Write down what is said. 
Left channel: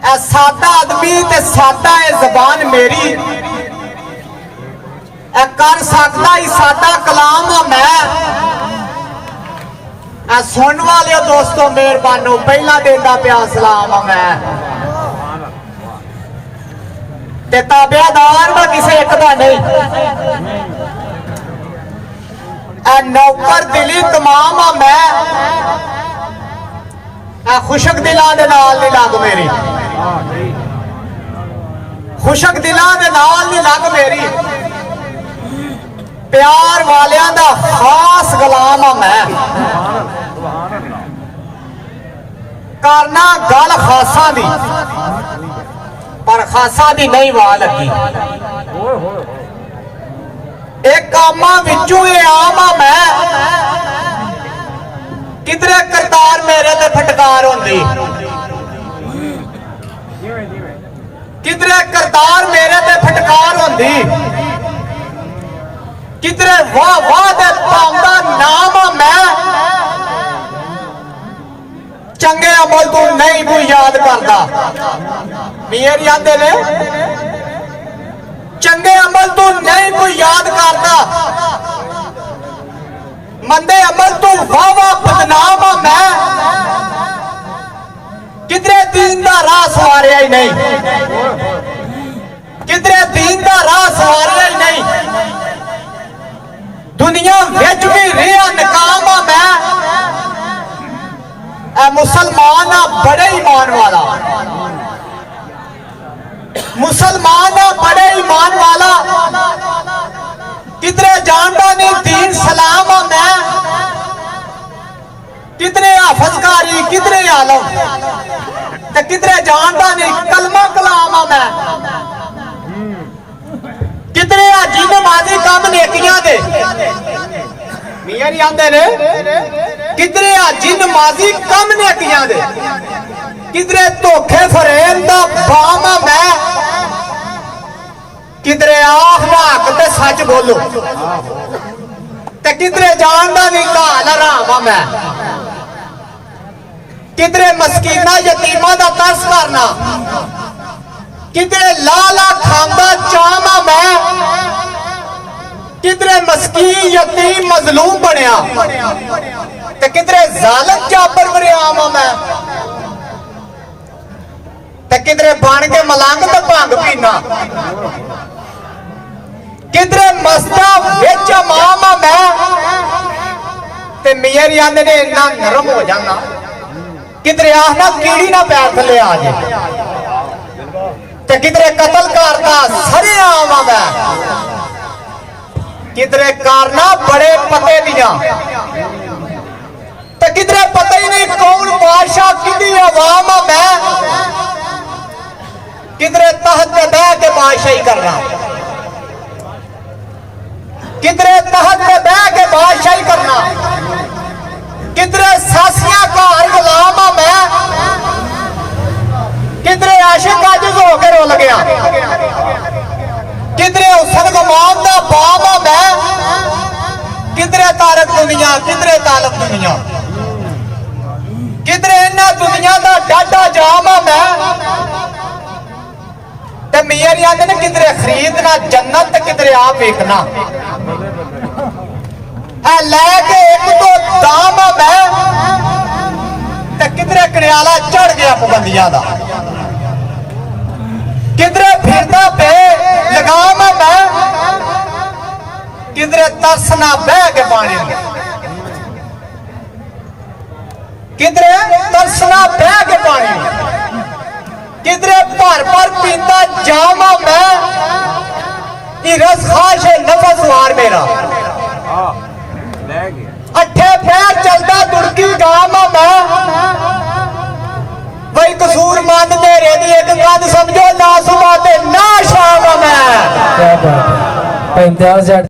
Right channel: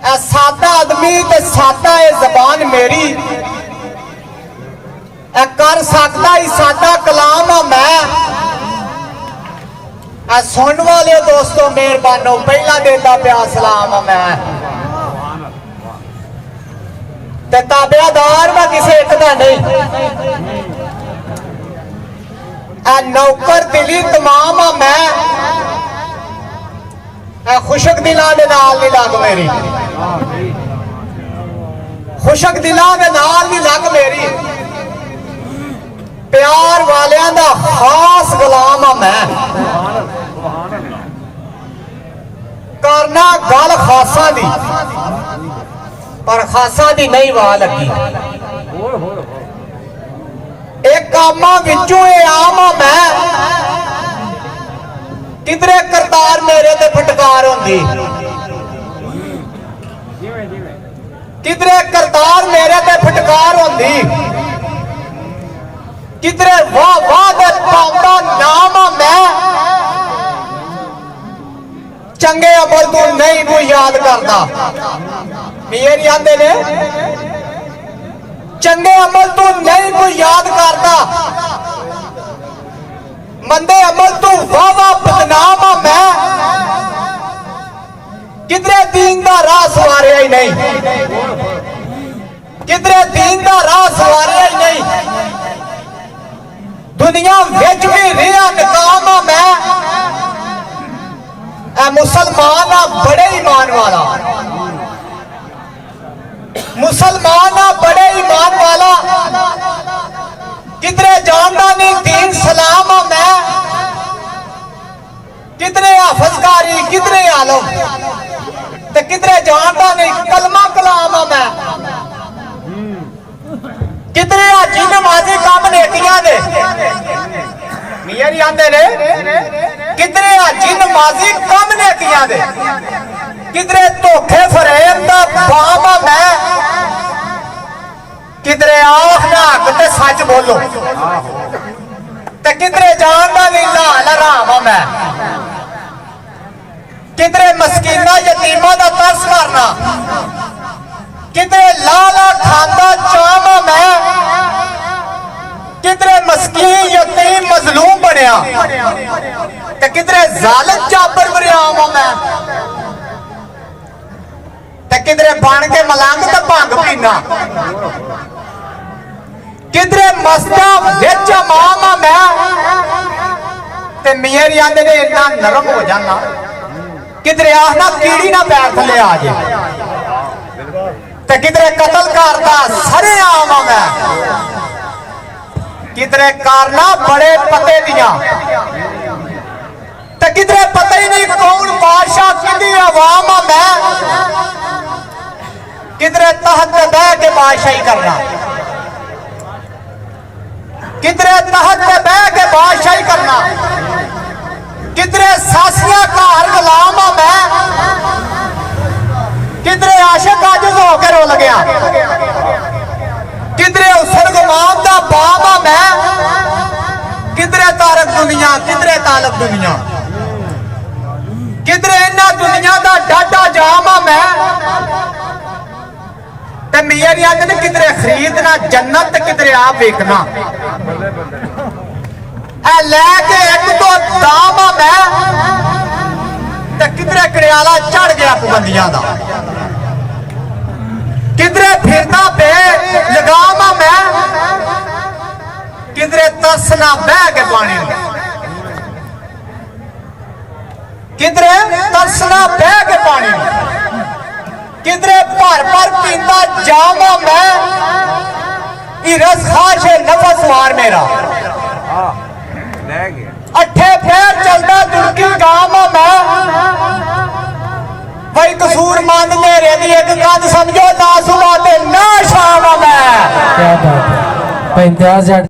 ए सादा आदमी ते सादा ए जबान मेरी ए कर सकता ही सादा कलाम आ मैं ए सुन वाले दोस्तों मेहरबानो पहला देता पिया सलाम आ मैं ते ताबेदार मैं किसी एक दा नहीं ए नौकर दिली तमाम आ मैं ए खुशक दिला दे नाल नहीं लग मेरी खुशक दिला दे नाल नहीं लग मेरी प्यार वालियां दा खास गुलाम आ मैं करना गल खासा दी पर खासा दी नहीं वाह लगी एक कामा विचू आम आ मैं किधरे करतार मेरे ते फटकार होंदी किधरे करतार मेरे ते फटकार होंदी किधरे वाह वाह दे पांदा नाम आ मैं चंगे अमल तू नहीं कोई याद करदा मेरे याद ने चंगे अमल तू नहीं कोई याद करदा मंदे अमल तू वाह वाह बदनाम आ मैं किधरे दीन दा राह सवारिया ही नहीं किधरे दीन दा राह सवारिया ही नहीं दुनिया विच भी रिया नकाम आ मैं ए मुसलमान आ बड़े ईमान वाला मुसलमान आ बड़े ईमान वाला किधरे जानदा नहीं दीन सलाम आ मैं किधरे हाफजकारी किधरे आलम ते किधरे जानदा नहीं कलमा कलाम आ मैं किधरे जिन माजी काम नेकियां दे मियां नहीं आंदे ने किधरे जिन माजी काम नेकियां दे किधरे धोखे फरेब दा बाम आ मैं किधरे आखना हक ते सच बोलो ते किधरे जानदा नहीं लाल हराम आ मैं किधरे मस्कीना यतीमा दा तरस करना किधरे लाला खांदा चामा मैं किधरे मस्कीन यतीम मजलूम बनया ते किधरे जालिम जाबर बरियाम मैं ते किधरे बन के मलंग ते भंग पीना किधरे मस्ता विच इमाम मैं ते मेरी आंदे ने इन्ना नरम हो जाना किधरे आखना कीड़ी ना पैर थले आ जाए ते किधरे कतल करता सरे आम मैं किधरे करना बड़े पते दिया ते किधरे पता ही नहीं कौन बादशाह कितनी आवाम मैं किधरे तहत पे बह के बादशाही करना किधरे तहत पे बह के बादशाही करना किधरे सासियां घर गुलाम आ मैं किधरे आशिक आजिज होकर रोल गया किधरे हुसन गुमाम दा बाप आ मैं किधरे तारक दुनिया किधरे तालब दुनिया किधरे इन्ना दुनिया दा डाडा जाम आ मैं ते मेरी आंदे ने किधरे खरीदना जन्नत ते किधरे आप वेखना ए लैके एक तो दाम आ मैं ते किधरे करियाला चढ़ गया पाबंदियां दा किधरे फिरना पे लगाम आ मैं किधरे तरसना बह के पानी किधरे तरसना बह के पानी किधरे भर भर पीता जाम आ मैं हिरस खाश है नफस वार मेरा अठे पैर चलता दुड़की गाम आ मैं भाई कसूर मान मेरे दी एक गल समझो ना सुबह ते ना शाम आ मैं क्या बात है 50